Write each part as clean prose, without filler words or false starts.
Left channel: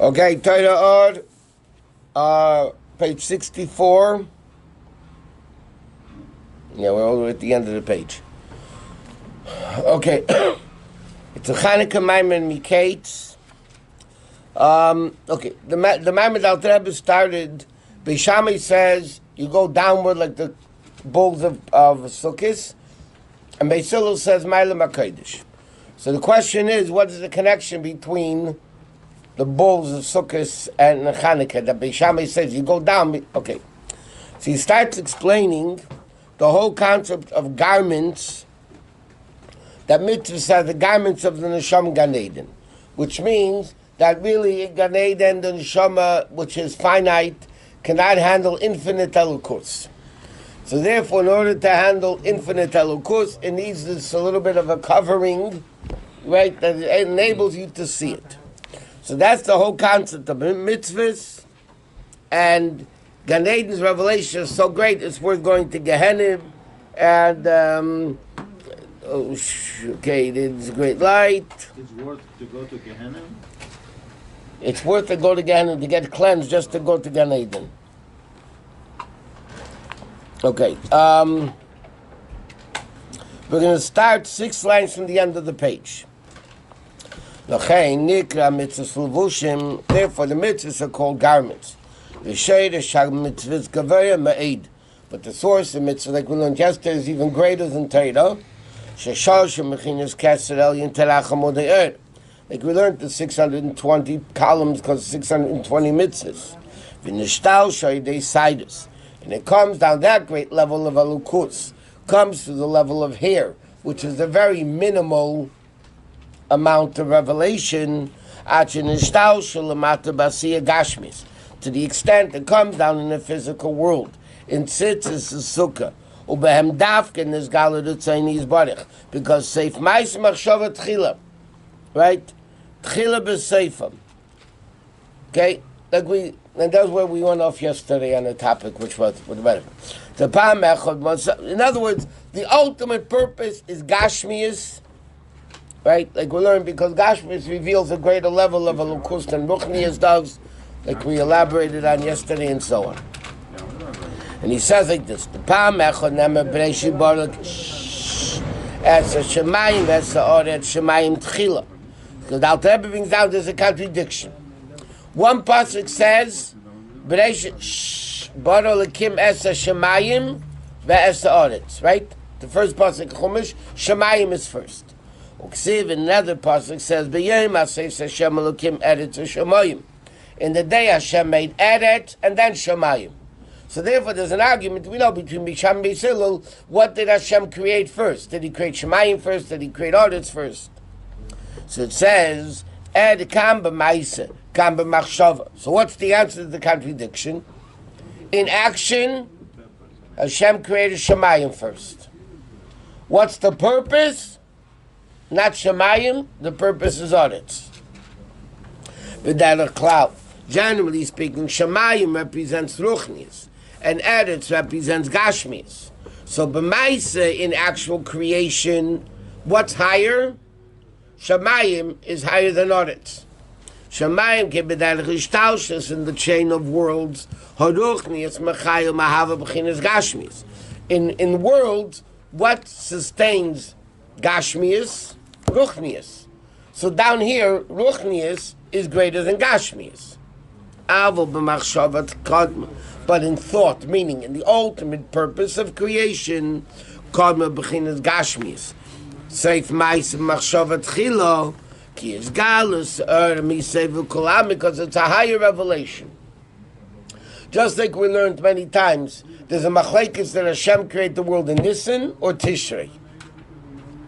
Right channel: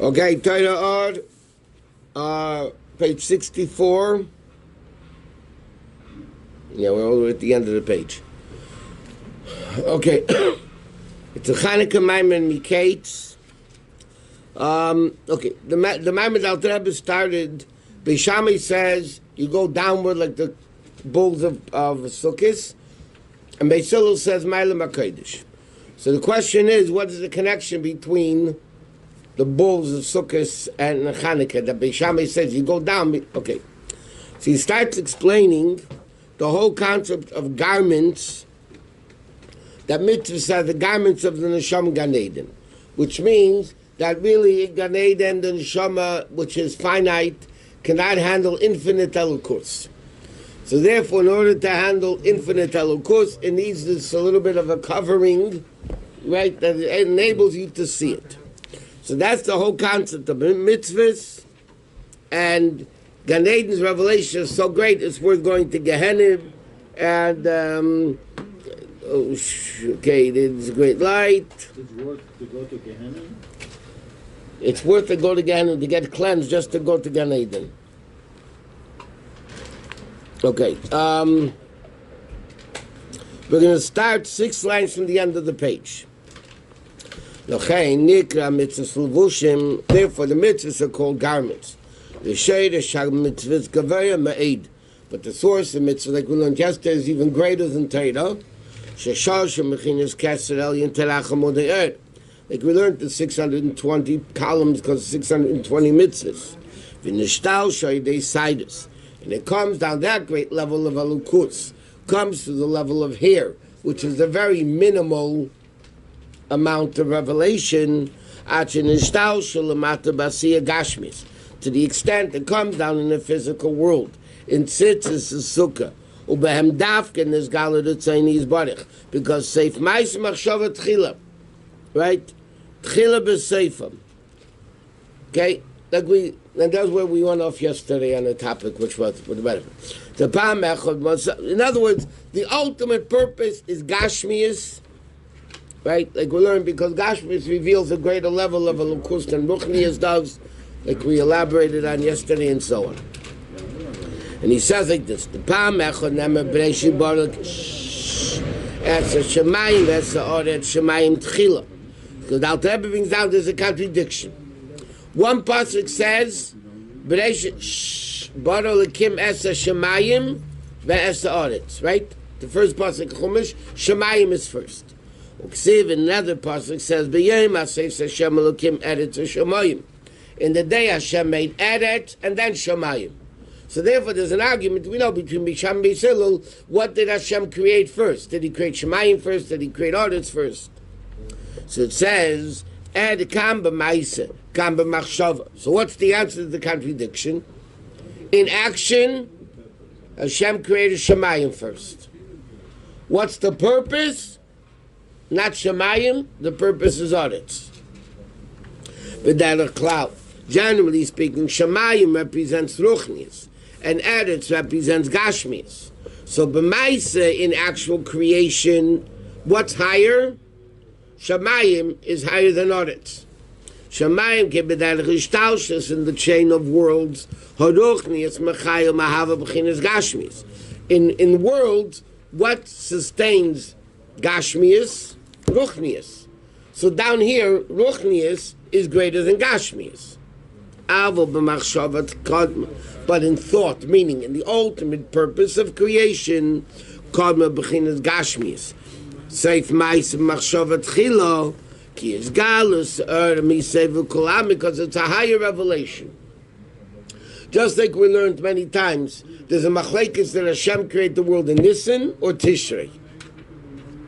Okay, Torah Or, page 64. Yeah, we're all the way at the end of the page. Okay. It's a Chanukah Maamarim Miketz. Okay, the Maamarim Al Rebbe started, Beishamai says, you go downward like the bulls of Sukkot, and Beis Hillel says, Ma'alim HaKodesh. So the question is, what is the connection between the bulls of Sukkot and Chanukah? That Beishamai says, you go down, okay. So he starts explaining the whole concept of garments, that mitzvahs are the garments of the Neshama Gan Eden, which means that really Gan Eden, the Neshama, which is finite, cannot handle infinite elukus. So therefore, in order to handle infinite elukus, it needs this a little bit of a covering, right, that enables you to see it. So that's the whole concept of mitzvahs, and Gan Eden's revelation is so great, it's worth going to Gehenna, and okay, it's a great light. It's worth to go to Gehenna? It's worth to go to Gehenna, to get cleansed, just to go to Gan Eden. Okay, we're going to start 6 lines from the end of the page. Therefore, the mitzvahs are called garments. But the source of mitzvah, like we learned yesterday, is even greater than Torah. Like we learned the 620 columns because 620 mitzvahs. And it comes down that great level of alukus, comes to the level of hair, which is a very minimal amount of revelation, to the extent it comes down in the physical world. In tzitzis is sukkah. Ubehem dafken is galadut tzayni's barich. Because seif mais machshava tchila. Right? Tchila b'seifam. Okay? And that's where we went off yesterday on a topic which was the benefit. In other words, the ultimate purpose is Gashmius, right? Like we learned, because Gashmius reveals a greater level of Elukus than Ruchnius does, like we elaborated on yesterday and so on. And he says like this: the Pam Echad Nemer Breishi Baruch Etza Shemayim Etza Oret Shemayim Tchila. Because the Alter Rebbe brings down there's a contradiction. One pasuk says Breishi Baruch Lekim Etza Shemayim VeEtza Oret. Right? The first pasuk Chumash, Shemayim is first. Uksiv, another pasuk says B'Yom Asif Hashem Elokim Eretz Shemayim. In the day Hashem made Eret and then Shemayim. So therefore there's an argument, we know, between Bisham and Beis Hillel, what did Hashem create first? Did he create Shemayim first? Did he create Eretz first? So it says, Ed Kam B'Maisa, Kam B'Machshava. So what's the answer to the contradiction? In action, Hashem created Shemayim first. What's the purpose? Not Shemayim, the purpose is Eretz. V'derech Klal. Generally speaking, Shemayim represents Ruchnius, and Eretz represents Gashmius. So b'maisa, in actual creation, what's higher? Shemayim is higher than Eretz. Shemayim can be that Rishtaushus in the chain of worlds. Haruchnius mechayil mahava b'chinas Gashmius. In worlds, what sustains Gashmius? Ruchnius. So down here, Ruchnius is greater than Gashmius. But in thought, meaning in the ultimate purpose of creation, because it's a higher revelation. Just like we learned many times, there's a machlekes that Hashem created the world in Nisan or Tishrei.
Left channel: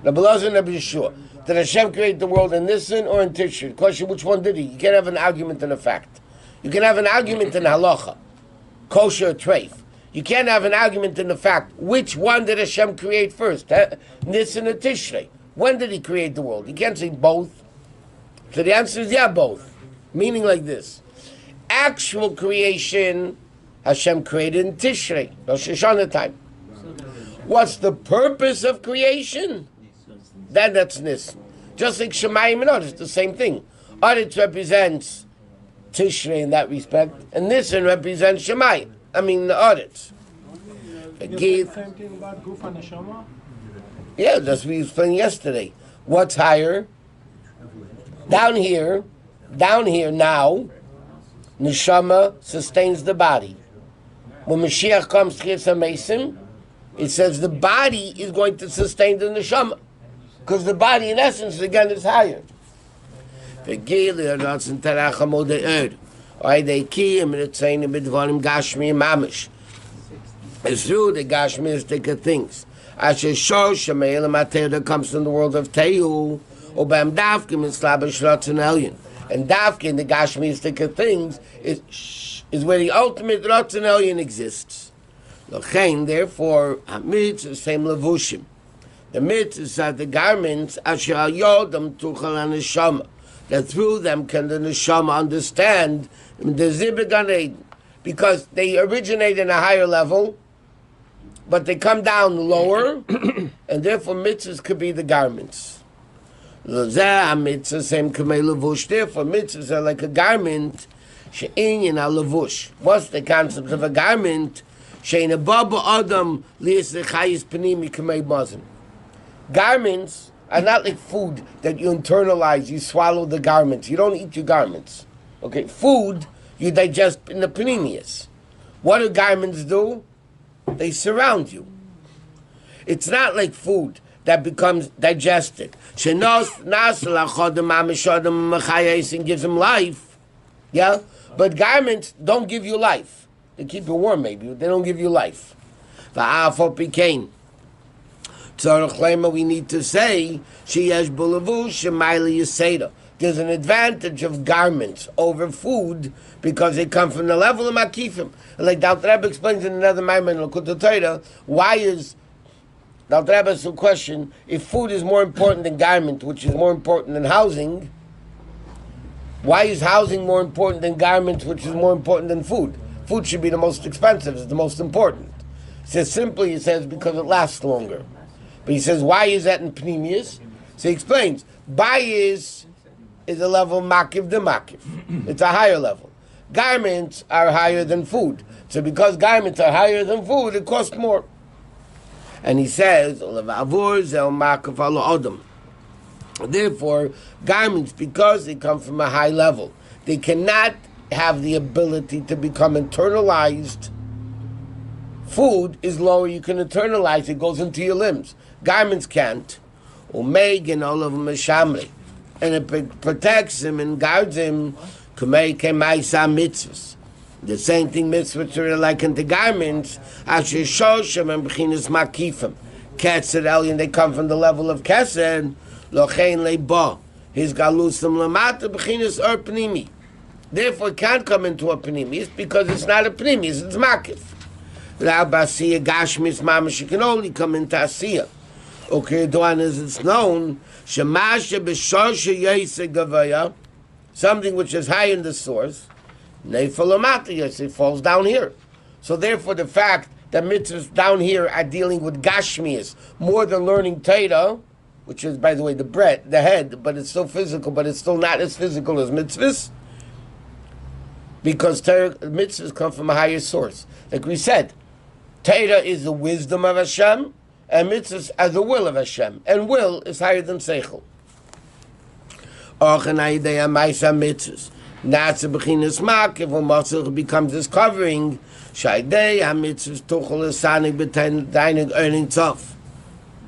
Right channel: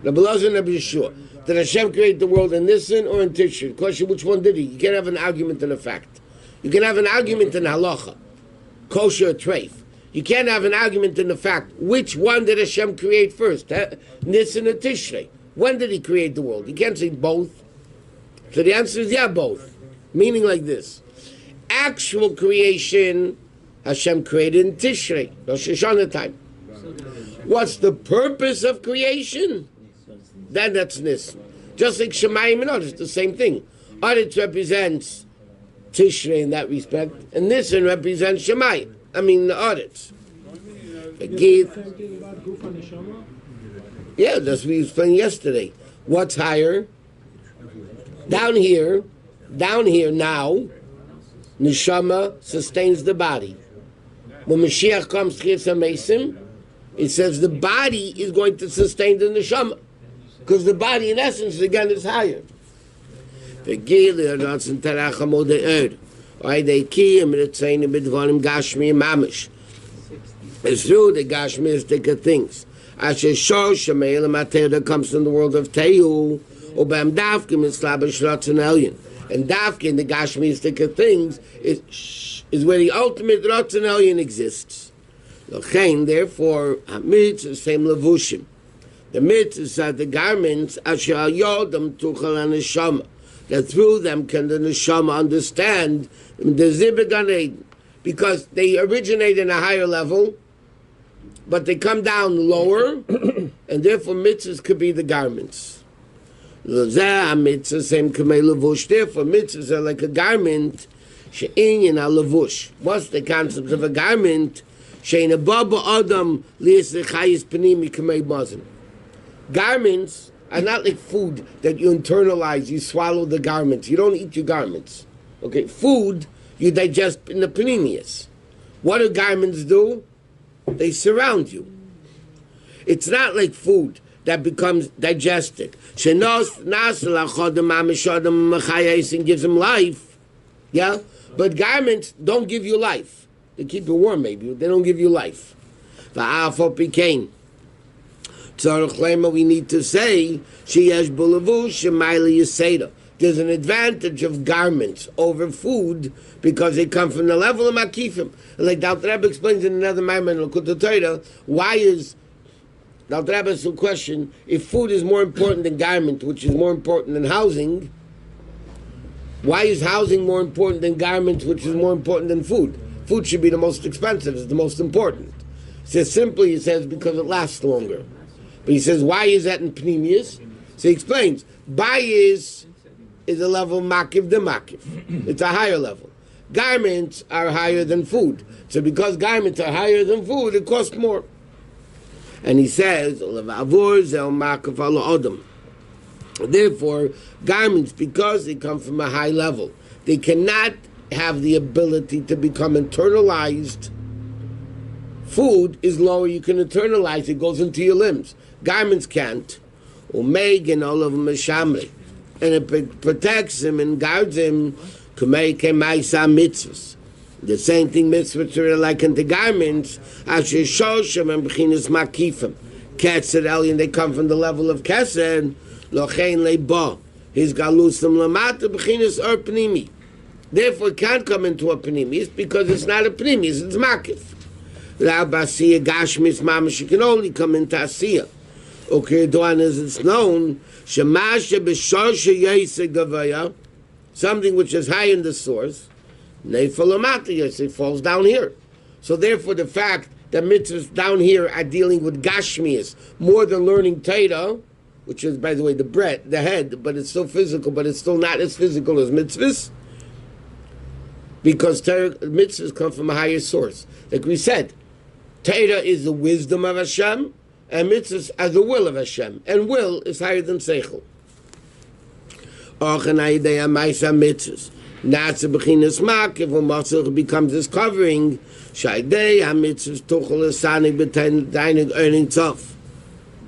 Rabbi Lazar and Rabbi Yeshua. Did Hashem create the world in Nisan or in Tishrei? The question, which one did he? You can't have an argument in a fact. You can have an argument in halacha, kosher or treif. You can't have an argument in the fact, which one did Hashem create first? Nisan or Tishrei? When did he create the world? You can't say both. So the answer is yeah, both. Meaning like this. Actual creation, Hashem created in Tishrei, Rosh Hashanah time. What's the purpose of creation? That's Nisan. Just like Shemayim and Eretz, the same thing. Eretz represents Tishrei in that respect, and Nisan represents Shemayim. I mean the audits. Same thing about Guf and Neshama? Yeah, that's what we explained yesterday. What's higher? Down here now, Neshama sustains the body. When Mashiach comes to Chis HaMesim, it says the body is going to sustain the Neshama. Because the body, in essence, again, is higher. It's through the Gashmistic things. Asher show Shemayel that comes from the world of Tehu, Obam Davkim is Slavish Ratzon Elyon. And Davkim, the Gashmistic things, is where the ultimate Ratzon Elyon exists. Therefore, Hamitz is same Levushim. The mitzvahs are the garments Asher Yodam Tuchal HaNeshama, that through them can the Neshama understand the Zibah Gan Eden, because they originate in a higher level, but they come down lower, and therefore mitzvahs could be the garments. Therefore mitzvahs are like a garment. She'inyan al-levush. What's the concept of a garment? She'in ababa adam li'esechayis panimi k'mei mazim. Garments are not like food that you internalize. You swallow the garments. You don't eat your garments. Okay, food you digest in the panemius. What do garments do? They surround you. It's not like food that becomes digested. And gives them life. Yeah? But garments don't give you life. They keep you warm maybe, but they don't give you life. We need to say, there's an advantage of garments over food because they come from the level of makifim. Like Dr. Rabbi explains in another Maamarim in Likutei Torah, why is Dr. Rabbi asks a question, if food is more important than garment, which is more important than housing, why is housing more important than garments, which is more important than food? Food should be the most expensive, it's the most important. He says because it lasts longer. But he says, why is that in Pneumius? So he explains, bayis is a level makiv de makiv. It's a higher level. Garments are higher than food. So because garments are higher than food, it costs more. And he says, therefore, garments, because they come from a high level, they cannot have the ability to become internalized. Food is lower, you can internalize, it goes into your limbs. Garments can't. And all of them are shamri. And it protects him and guards him. Mitzvahs. The same thing mitzvahs are like in the garments. Asher shosham and b'chinas makifim. Kesed elyon, they come from the level of kesed. Lochein leba. His galusam lamata b'chinas pnimi. Therefore, it can't come into a pnimis because it's not a pnimis, it's makif. L'abasiya gashmis mamash, it can only come into asiyah. Okay, Duan, as it's known, shemasha b'shosha yesa gavaya, something which is high in the source, neifalamata yesa, it falls down here. So therefore, the fact that mitzvahs down here are dealing with gashmias more than learning Torah, which is, by the way, the head, but it's still physical, but it's still not as physical as mitzvahs, because mitzvahs come from a higher source. Like we said, Torah is the wisdom of Hashem, and mitzvahs are the will of Hashem, and will is higher than seichel. Mitzvahs. Not the beginner's makiv, when Masach becomes this covering, Shaydei ha-mitzvahs tuchel esanig b'tainig earning tough.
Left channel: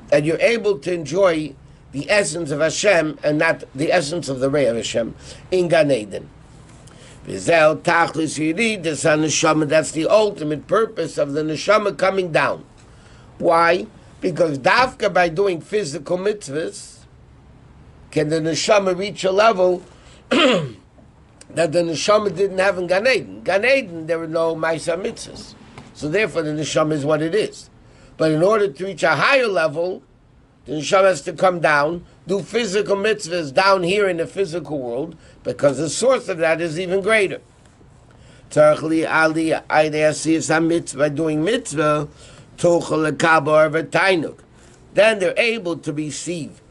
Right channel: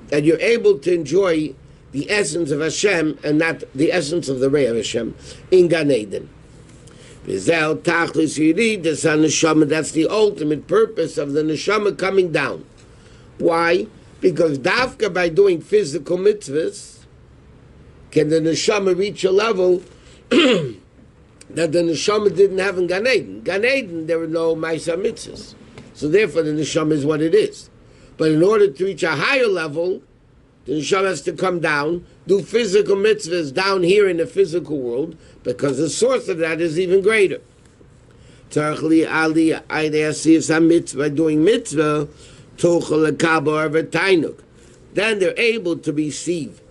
That you're able to enjoy the essence of Hashem and not the essence of the Rei of Hashem in Gan Eden. That's the ultimate purpose of the neshama coming down. Why? Because dafka by doing physical mitzvahs can the neshama reach a level that the neshama didn't have in Gan Eden. Gan Eden, there were no ma'aseh mitzvahs. So therefore the neshama is what it is. But in order to reach a higher level, the neshama has to come down, do physical mitzvahs down here in the physical world, because the source of that is even greater. By doing mitzvah, then they're able to receive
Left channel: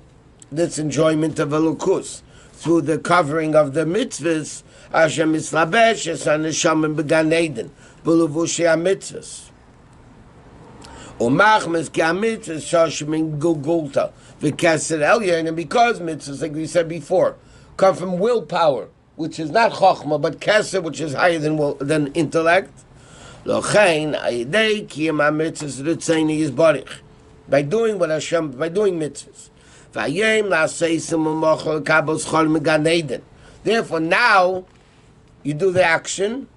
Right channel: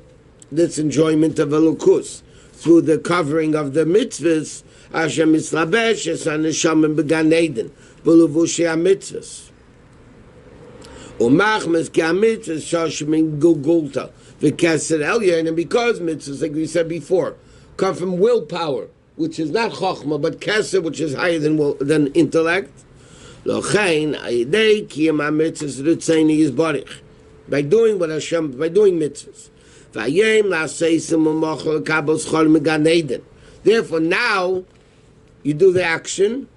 this enjoyment of elukus through the covering of the mitzvahs. Hashem mislabesh es haneshama began Eden b'levushi hamitzvos. Umachmes ki hamitzvos shoshim gugulta v'keser elyon, and because mitzvahs, like we said before, come from willpower, which is not chokhmah, but keser, which is higher than intellect. Lochein ayidei kiyam hamitzvos ritzeni yizbarich, by doing what Hashem, by doing mitzvahs. Vayem la'aseisim u'mochel kabel schol megan Eden. Therefore, now you do the action,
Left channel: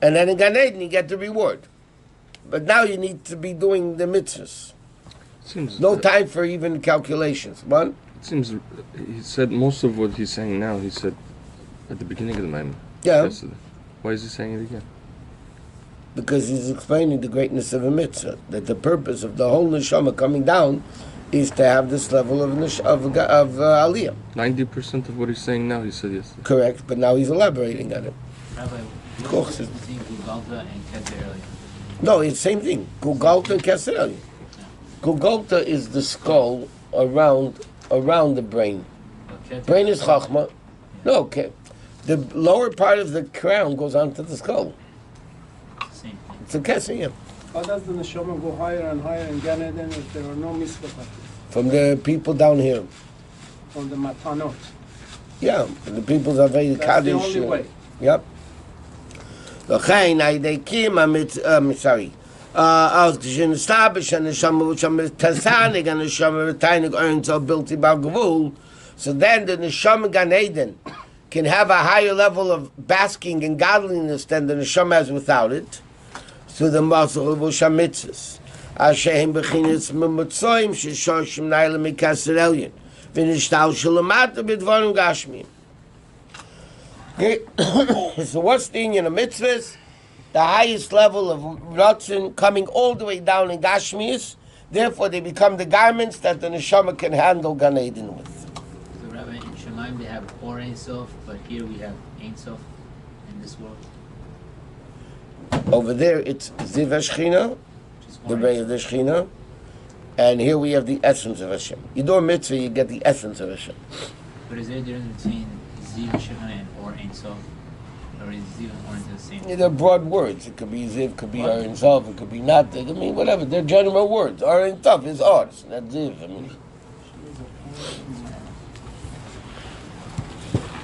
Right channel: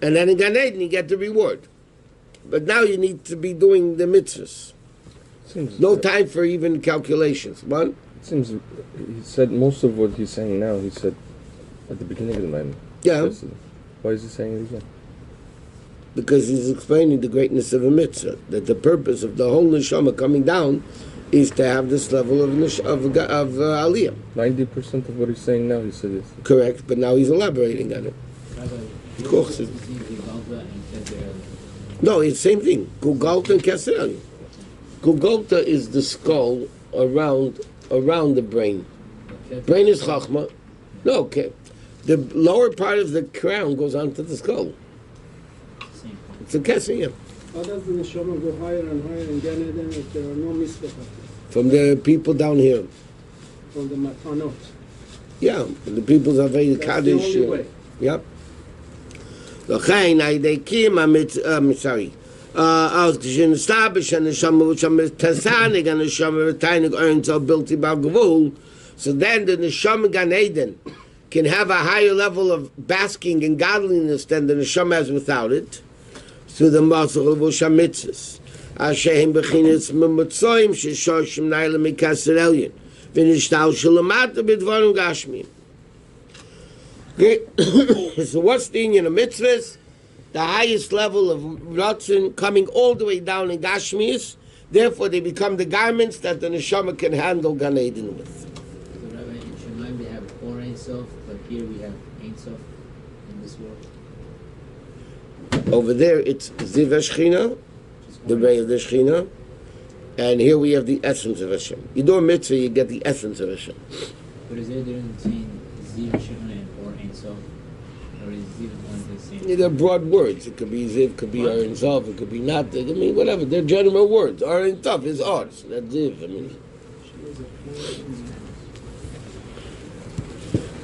and then in Gan Eden you get the reward. But now you need to be doing the mitzvahs. No time for even calculations. What? It seems he said most of what he's saying now. He said at the beginning of the Maamarim. Yeah. Yesterday. Why is he saying it again? Because he's explaining the greatness of a mitzvah. That the purpose of the whole neshama coming down is to have this level of aliyah. 90% of what he's saying now, he said yesterday. Correct, but now he's elaborating on it. Rabbi, Of course. what's the Gugalta and Keter? No, it's the same thing. Gugolta and Keser. Gugolta is the skull around the brain. Brain is chachma. No, okay. The lower part of the crown goes onto the skull. Same. It's a Keser, yeah. How does the neshama go higher and higher in Gan Eden if there are no mitzvot? From the people down here. From the matanot. Yeah, the people's are very That's the kaddish. only way. Yep. L'chein aydekim sorry. Als geshin stabish and the shama which am tasanig and the shama retaining earns a built about gvul. So then the neshama Gan Eden can have a higher level of basking in godliness than the neshama has without it. Through the muscle of Ushamitzis. Ashehem Bechinis Memutsoim Shishoshim Naila Mikasir Elyon. Vinishtal Shalamata Bidvarim Gashmim. Okay, so what's the union of mitzvahs? The highest level of Ratzin coming all the way down in Gashmis. Therefore, they become the garments that the neshama can handle Gan Eden with. So, Rabbi, in Shemaim they have Or Ein Sof, but here we have Ein Sof in this world. Over there, it's Ziv HaShechina, the ray of the Shechina, and here we have the essence of Hashem. You do a mitzvah, you get the essence of Hashem. But is there a difference between Ziv Shechina and Or Ein Sof? Or is Ziv and Or the same? Yeah, they're broad words. It could be Ziv, could be Or Ein Sof, it could be not. I mean, whatever. They're general words. Or Ein Sof is Or, it's not Ziv. I mean,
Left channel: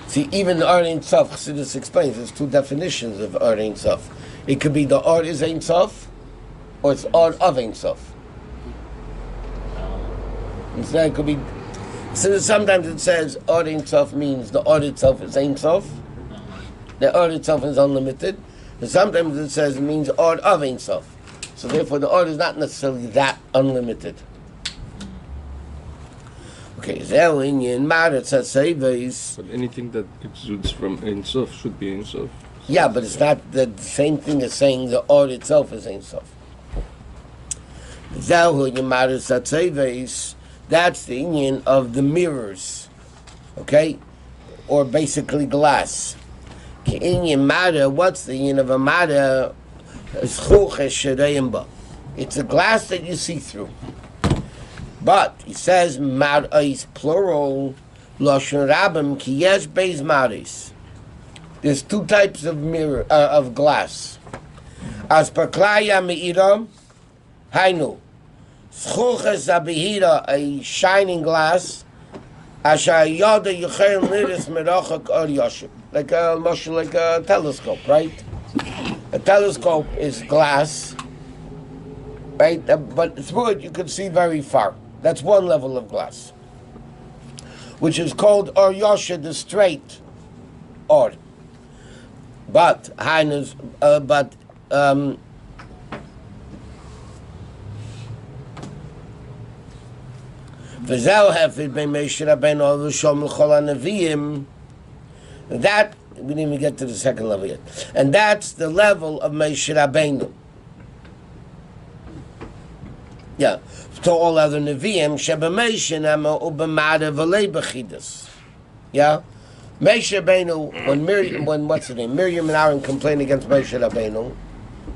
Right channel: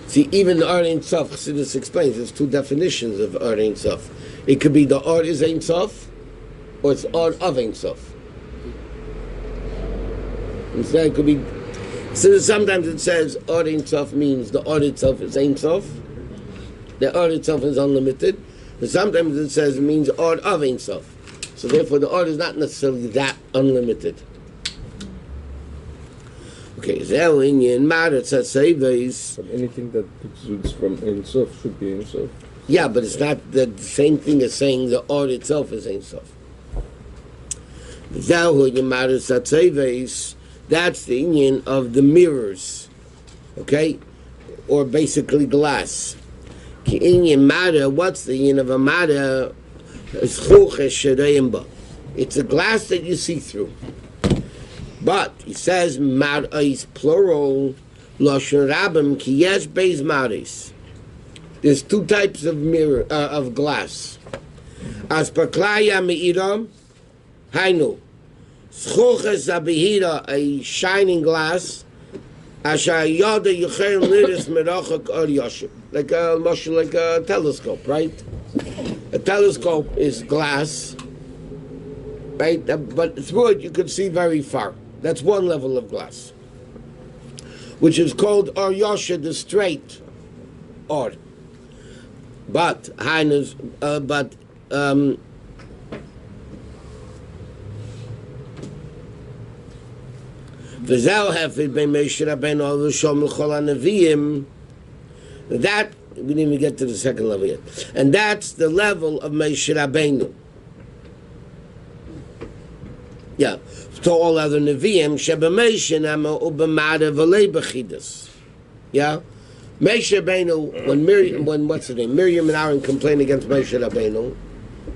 see, even the Or Ein Sof, Chassidus explains, there's two definitions of Or Ein Sof. It could be the Or is Ein Sof, or it's Or of Ein Sof. Instead, it could be. So sometimes it says Or Ein Sof means the Or itself is Ein Sof. The Or itself is unlimited. And sometimes it says it means Or of Ein Sof. So therefore, the Or is not necessarily that unlimited. Okay, Zeh Inyan Marat Saseves. But anything that exudes from Ein Sof should be Ein Sof. Yeah, but it's not the same thing as saying the Or itself is Ein Sof. Zeh Inyan Marat Saseves. That's the union of the mirrors, okay, or basically glass. Ki inyan mara, what's the union of a mara? It's a glass that you see through. But he says mara is plural. Lashon rabim ki yesh beis maris. There's two types of mirror of glass. As paklaya me'iram, hainu. Schuches abihira, a shining glass. Asha yada yuchel liris merachak or yoshim. Like a telescope, right? A telescope is glass, right? But through it you can see very far. That's one level of glass, which is called or yosha, the straight or. But that we didn't even get to the second level yet, and that's the level of Moshe Rabbeinu. Yeah, to all other Nevi'im, yeah, Moshe Rabbeinu, when what's his name, Miriam and Aaron complained against Moshe Rabbeinu.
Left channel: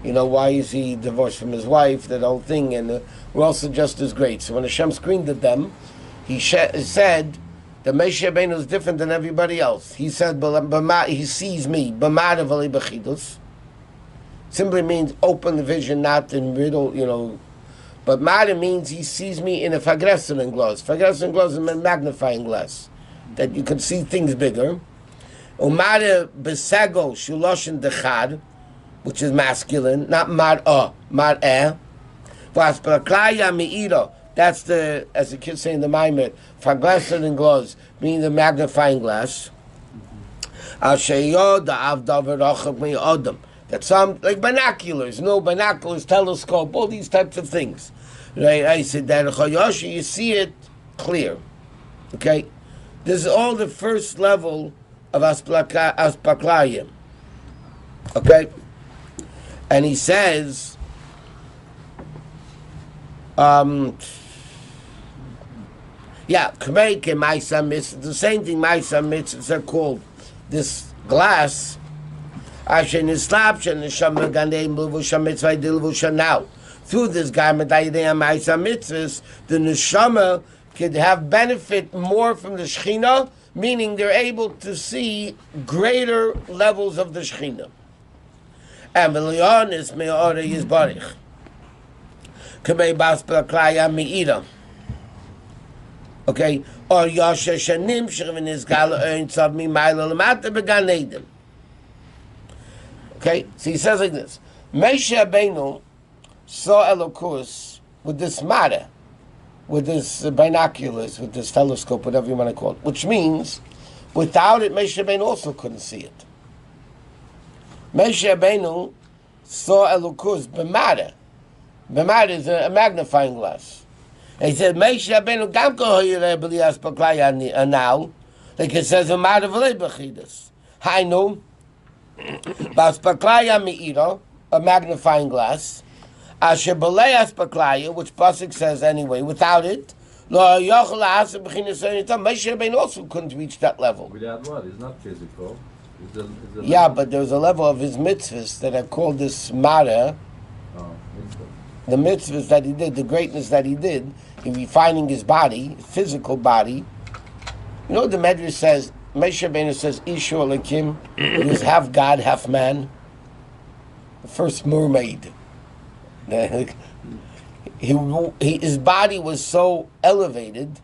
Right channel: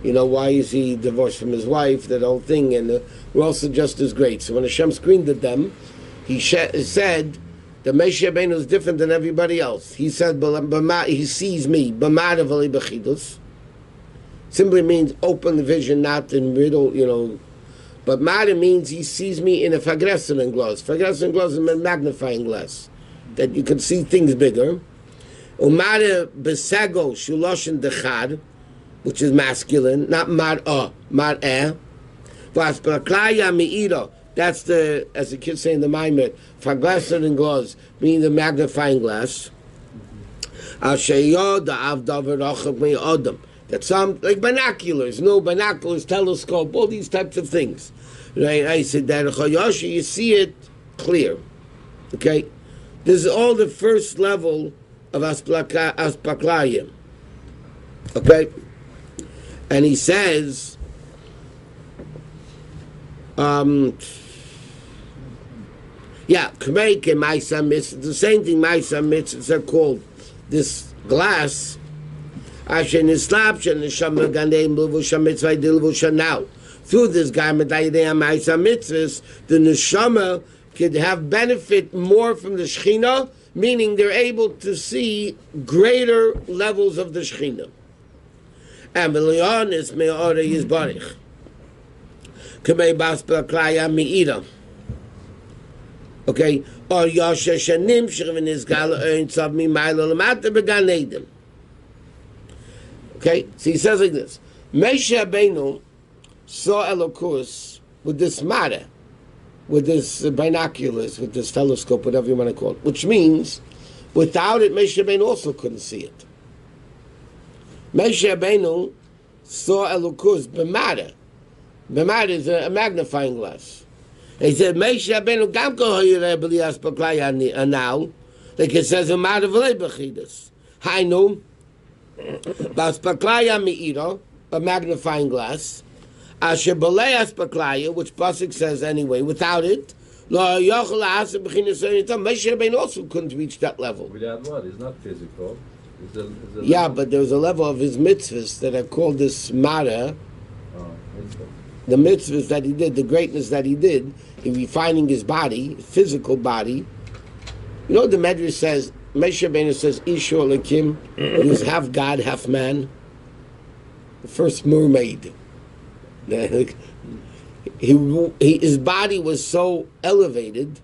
You know, why is he divorced from his wife, that whole thing, and we're also just as great. So when Hashem screamed at them, he said The Moshe Rabbeinu is different than everybody else. He said, he sees me. Simply means open vision, not in riddle, But Mara means he sees me in a Fagresen glass. Fagresen glass is a magnifying glass, that you can see things bigger. Umara Besago Shuloshin Dechad, which is masculine, not Mar'ah, Mar'eh. Vaspraklaya Me'ira. That's the, as the kids say in the Maamarim, Fagresen glass, meaning the magnifying glass. That some, like binoculars, binoculars, telescope, all these types of things. Right? I said that Chayoshi, you see it clear. Okay? This is all the first level of Aspaklayim. Okay? And he says, Kmeike Maisa Mitzvah, the same thing Maisa Mitzvahs are called. This glass, now, through this garment, the neshama could have benefit more from the Shekhinah, meaning they're able to see greater levels of the Shekhinah. And V'leon is me'ora yizbarich. K'mei bas b'klaya mi'ira. Okay? Or yoshe shenim shechvin izgal ein tzav mi'mayla l'mata b'gan Eden. Okay, so he says like this: Moshe Rabbeinu saw Elokus with this mara, with this binoculars, with this telescope, whatever you want to call it. Which means, without it, Moshe Rabbeinu also couldn't see it. Moshe Rabbeinu saw Elokus b'mara. B'mara is a magnifying glass. And he said, Moshe Rabbeinu gam kohoyireh b'lias b'klaya anal, like it says in Mara v'lei b'chidus. Hainu. Baspaklaya me'ira, a magnifying glass. Asher b'lei aspaklaya, which Pasuk says anyway, without it, lo yochel ha'aseh b'chinas ha'initam. Moshe Rabbeinu also couldn't reach that level. Without what? It's not physical. Yeah, but there's a level of his mitzvahs that are called this mara. The mitzvahs that he did, the greatness that he did in refining his body, his physical body. The Medrash says, Moshe Rabbeinu says, Ishu Elokim, he was half God, half man. The first mermaid. His body was so elevated,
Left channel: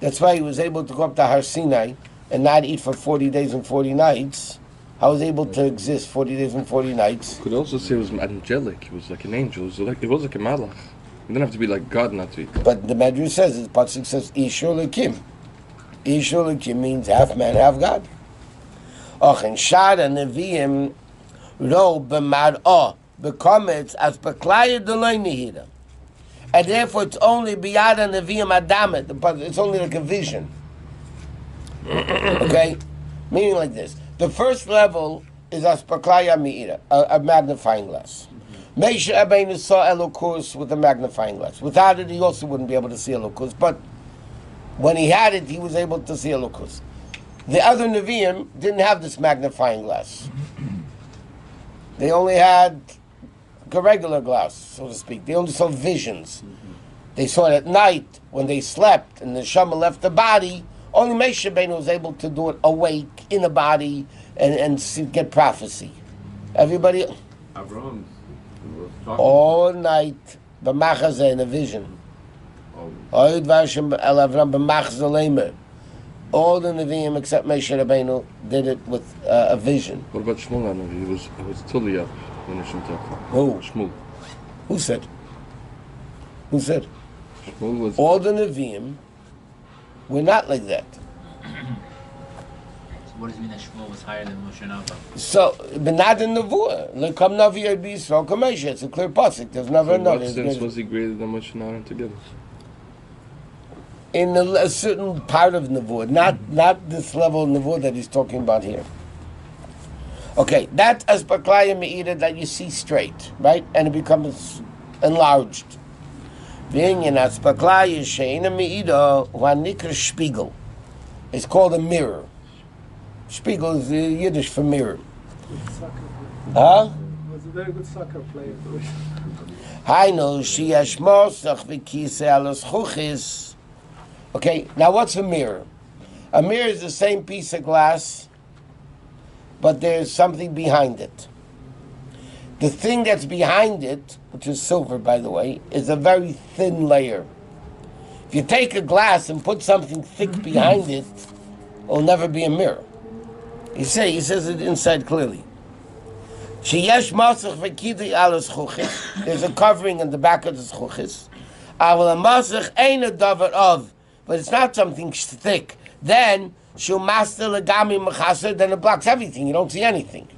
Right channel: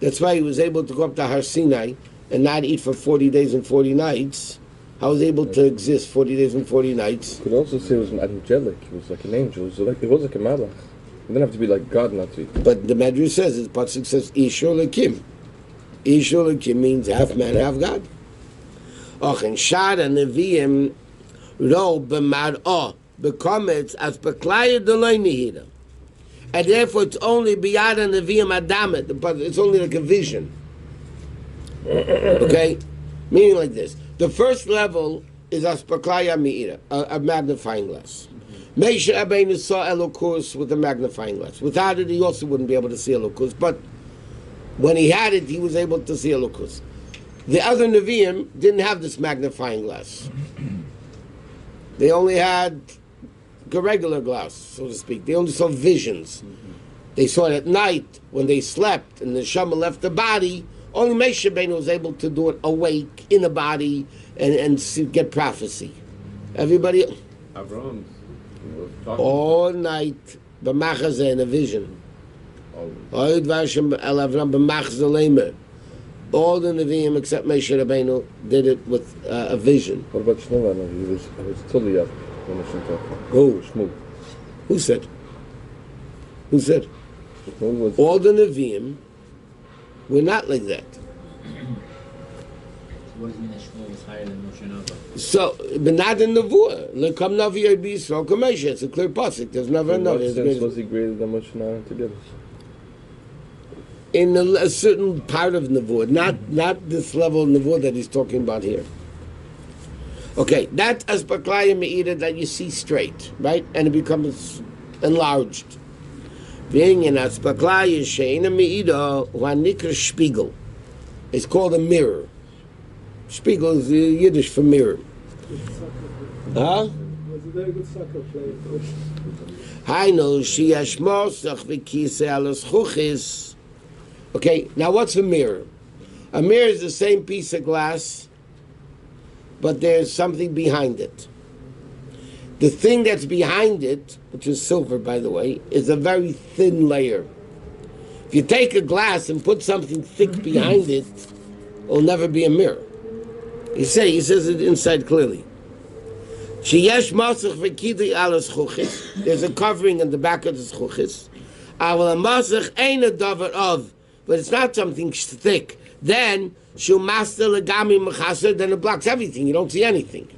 that's why he was able to go up to Har Sinai and not eat for 40 days and 40 nights. How was he able to exist 40 days and 40 nights? You could also say it was angelic. It was like an angel. It was like a malach. It didn't have to be like God not to eat. But the Medrash says, the Pasuk says, Ishu Elokim. Ishu Elokim means half man, half God. And Shara Nevi'im ro b'mar'ah b'kometz as b'klaya d'loi nihira. And therefore it's only b'yada Nevi'im adamet. It's only like a vision. Okay? Meaning like this. The first level is aspaklaya mi'ira, a magnifying glass. Moshe Rabbeinu saw Elokus with a magnifying glass. Without it, he also wouldn't be able to see Elokus. But when he had it, he was able to see Elokus. The other Nevi'im didn't have this magnifying glass. They only had a regular glass, so to speak. They only saw visions. They saw it at night when they slept and the Neshama left the body. Only Moshe Rabbeinu was able to do it awake in the body and get prophecy. Everybody, Avraham was talking all night, b'machazeh in a vision. All the Nevi'im except Moshe Rabbeinu did it with a vision. What about Shmuel? He was totally up when Hashem talked. Who? Shmuel. Who said? Who said? Shmuel was. All the Nevi'im were not like that. What does it mean that Shmuel was higher than Moshe Rabbeinu? So, but not in Nevuah. Lekam Navi Yirbi Yisrael Kamesha. It's a clear pasuk. There's never In what another. sense was he greater than Moshe Rabbeinu together? In a certain part of Nevuah, not this level of Nevuah that he's talking about here. Okay, that's Aspaklaya Me'ira that you see straight, right? And it becomes enlarged. Being in Aspaklaya She'ena Me'ira Nikra Spiegel. It's called a mirror. Spiegel is Yiddish for mirror. Huh? Was a very good soccer player. Hainu Sheyashmosach V'Kisei Alos Chuchis Okay, now what's a mirror? A mirror is the same piece of glass, but there's something behind it. The thing that's behind it, which is silver, by the way, is a very thin layer. If you take a glass and put something thick behind it, it'll never be a mirror. He says it inside clearly. There's a covering in the back of the zchuchis. But it's not something thick. Then it blocks everything. You don't see anything.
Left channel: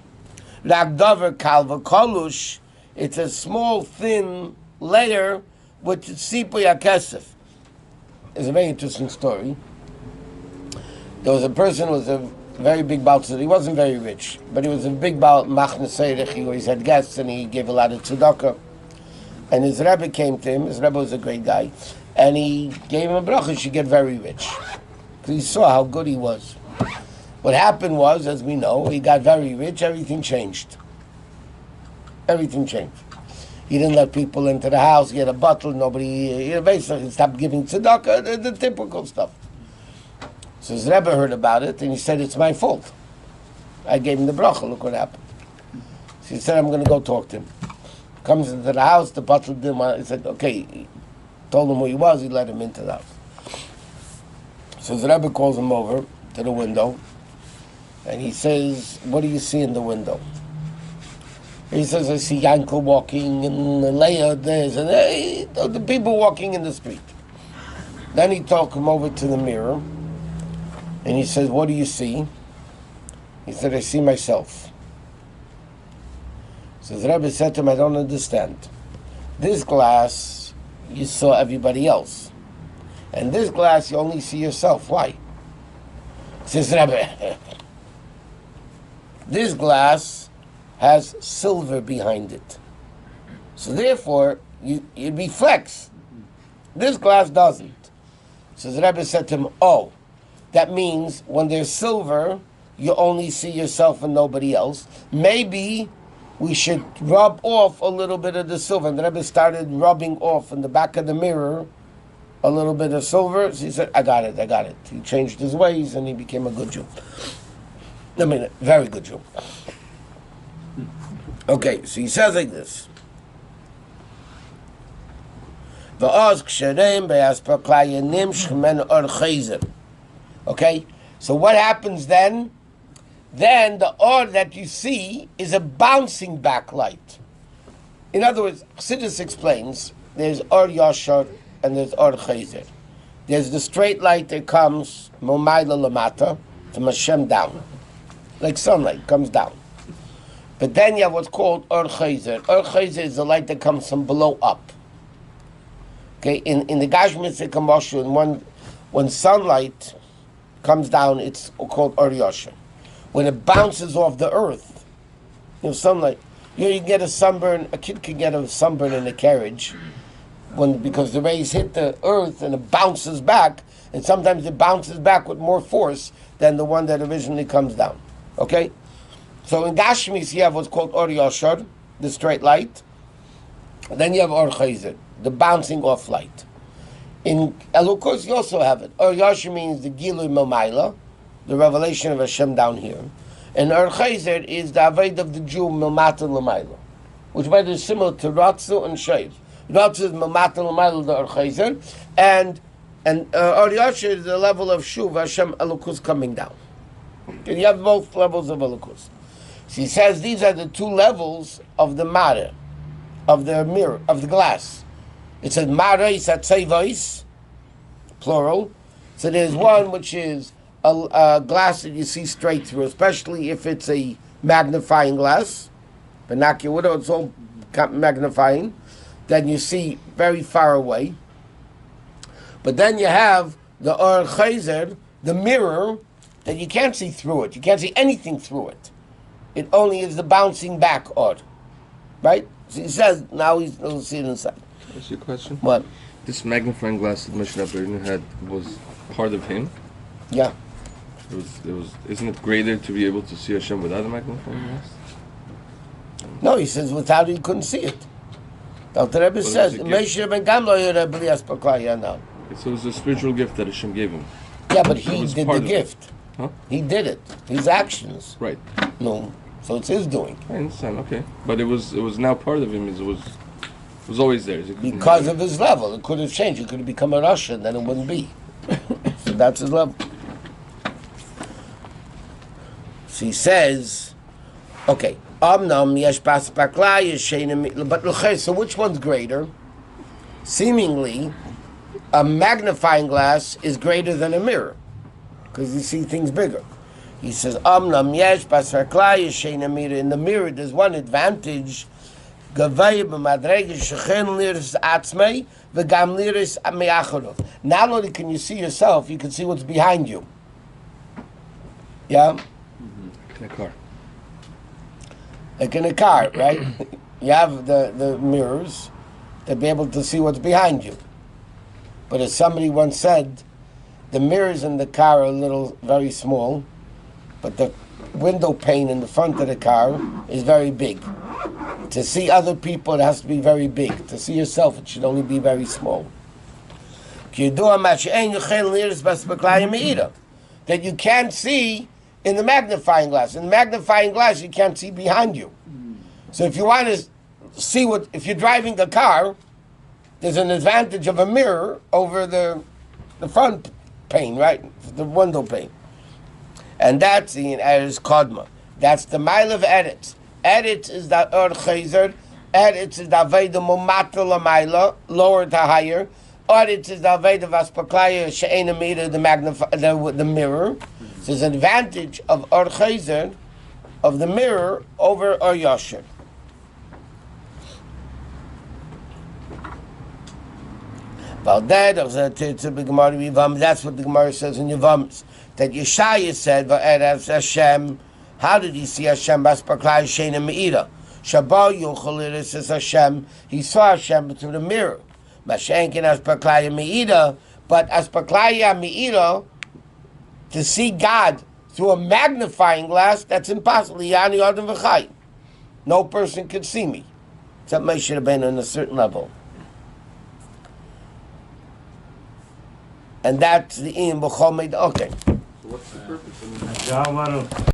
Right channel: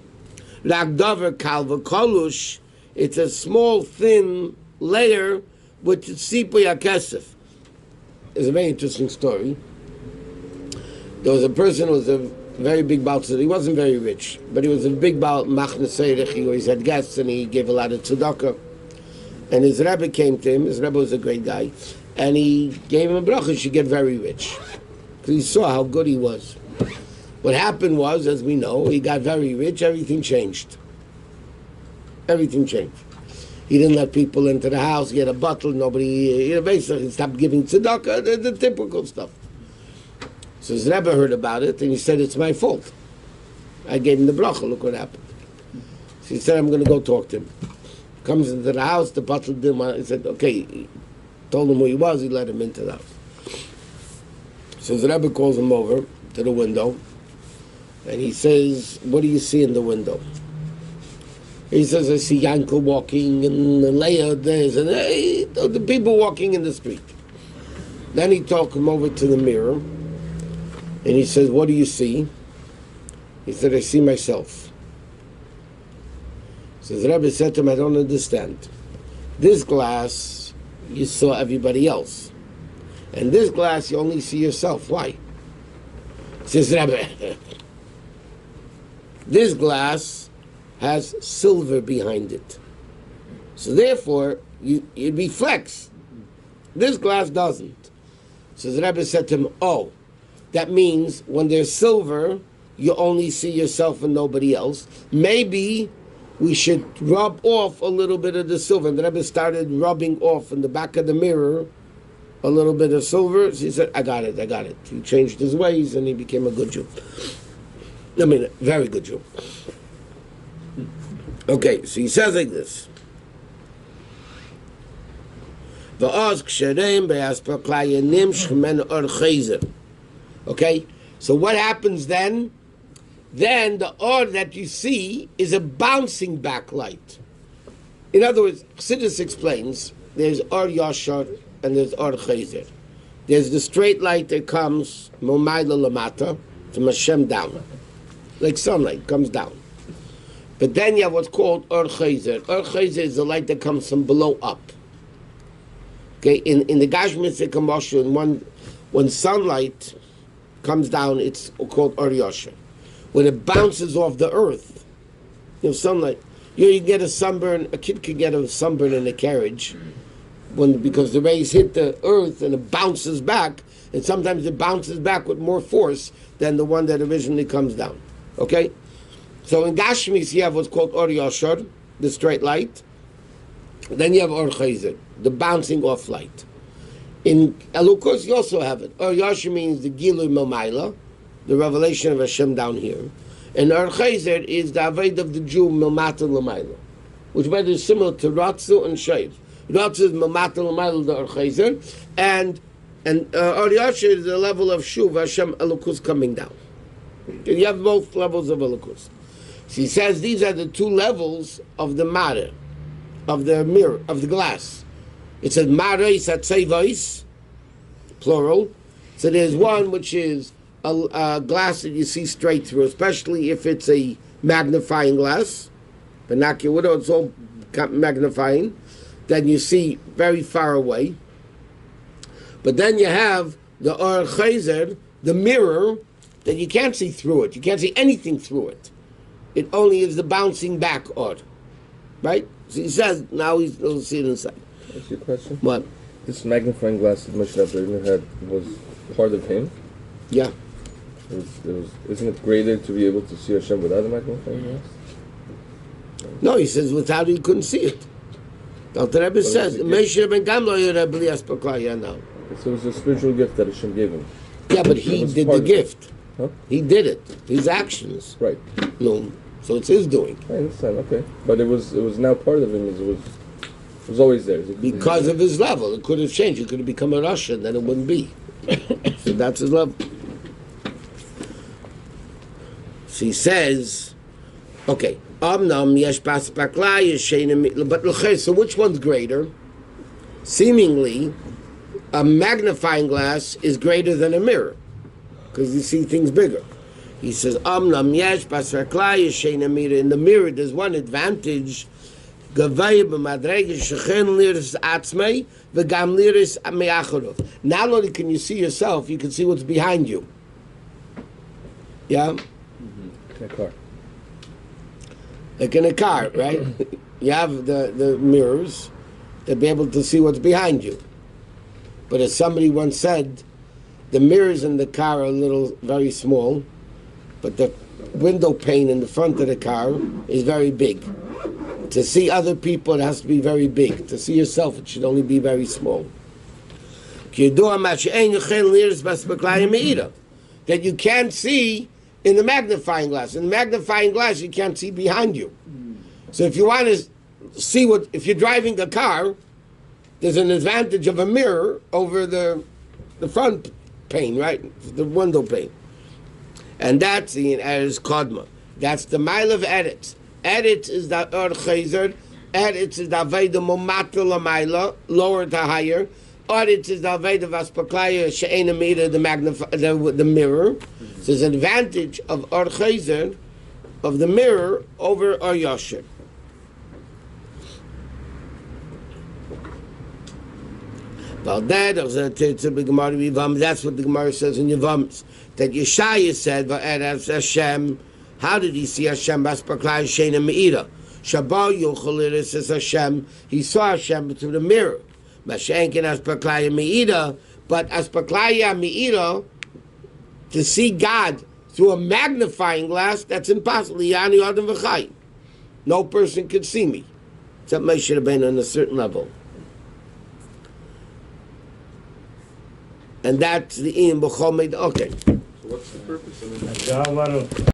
It's a small, thin layer with tzipui hakesef. It's a very interesting story. There was a person who was a very big Baal Tzedakah. He wasn't very rich, but he was a big Baal Machne Seirich. He always had guests, and he gave a lot of tzedakah. And his Rebbe came to him. His Rebbe was a great guy. And he gave him a bracha, he should get very rich. Because he saw how good he was. What happened was, as we know, he got very rich, everything changed. Everything changed. He didn't let people into the house, he had a bottle, nobody, basically he stopped giving tzedakah, the typical stuff. So his Rebbe heard about it, and he said, it's my fault. I gave him the bracha, look what happened. So he said, I'm going to go talk to him. Comes into the house, the bottle didn't want, he said, okay, he told him who he was, he let him into the house. So his Rebbe calls him over to the window, and he says, what do you see in the window? He says, I see Yankel walking, and Leah there's, and the people walking in the street. Then he took him over to the mirror, and he says, what do you see? He said, I see myself. So the Rebbe said to him, I don't understand. This glass, you saw everybody else. And this glass, you only see yourself. Why? Says Rebbe, this glass has silver behind it. So therefore, it reflects. This glass doesn't. So the Rebbe said to him, oh, that means when there's silver, you only see yourself and nobody else. Maybe we should rub off a little bit of the silver. And the Rebbe started rubbing off in the back of the mirror a little bit of silver. So he said, I got it. He changed his ways and he became a good Jew. I mean, a very good Jew. Okay, so he says like this. Okay, so what happens then? Then the or that you see is a bouncing back light. In other words, Chassidus explains, there's or yashar and there's or chayzer. There's the straight light that comes momayla lamata, from Hashem down. Like sunlight, comes down. But then you have what's called or chayzer. Or chayzer is the light that comes from below up. Okay, in the Gashmis Kamoshu, when sunlight comes down, it's called or yashar. When it bounces off the earth, sunlight. You can get a sunburn. A kid can get a sunburn in a carriage, because the rays hit the earth and it bounces back, and sometimes it bounces back with more force than the one that originally comes down. Okay, so in Gashmis you have what's called Or Yashar, the straight light. Then you have Or Chayzer, the bouncing off light. In Elukus you also have it. Or Yashar means the Gilui Mamayla, the revelation of Hashem down here. And Or Chayzer is the Aved of the Jew Milmata L'mayla, which by the way is similar to Ratzu and Sheiv. Ratzu is Milmata L'mayla, the Or Chayzer, and Or Yashar is the level of Shuv, Hashem Elukus coming down. Okay, you have both levels of Elukus. So he says these are the two levels of the Mare, of the mirror, of the glass. It says Mare Satzevais, plural. So there's one which is a glass that you see straight through, especially if it's a magnifying glass, binocular, it's all magnifying, then you see very far away. But then you have the Or Chayzer, the mirror, that you can't see through it. You can't see anything through it. It only is the bouncing back Or. Right? So he says, now he'll see it inside. That's your question? What? This magnifying glass that Moshe Rabbeinu had was part of him? Yeah. It was. Isn't it greater to be able to see Hashem without a magnifying glass? No, he says without it, you couldn't see it. The Rebbe says, Moshe ben Gamlo Rebbe now. So it was a spiritual gift that Hashem gave him. Yeah, but It he was did part the of it. gift. Huh? He did it. His actions. Right. No, so it's his doing. I understand. Okay, but it was now part of him. It was always there. Because of his level. It could have changed. He could have become a Russian, then it wouldn't be. So that's his level. So he says, okay, but so which one's greater? Seemingly, a magnifying glass is greater than a mirror, because you see things bigger. He says, in the mirror, there's one advantage. Not only can you see yourself, you can see what's behind you. Yeah? In a car. Like in a car, right? You have the mirrors to be able to see what's behind you. But as somebody once said, the mirrors in the car are very small, but the window pane in the front of the car is very big. To see other people, it has to be very big. To see yourself, it should only be very small. That you can't see in the magnifying glass. In the magnifying glass, you can't see behind you. So if you want to see if you're driving a car, there's an advantage of a mirror over the front pane, right? The window pane. And that's the Eretz Kodma. That's the mile of Eretz. Eretz is the Or Chayzer. Eretz is the Aveda Mumatel Lamaila, lower to higher. Eretz is the Aveda Vaspaklaya She'ena Mira, the mirror. So there's an advantage of Or Chayzer, of the mirror, over Or Yosher. That's what the Gemara says in Yevamos. That Yeshaya said, Hashem, how did he see Hashem? Baspaklai Sheina Meira. Shabbat Yochaliris says Hashem. He saw Hashem through the mirror. Mashenkin Aspaklai Meira, but Aspaklai Meira, to see God through a magnifying glass, that's impossible. Yani Adam V'chai. No person can see me. Except Moshe Rabbeinu on a certain level. And that's the Ian B'chol Meid. Okay. So what's the purpose of it?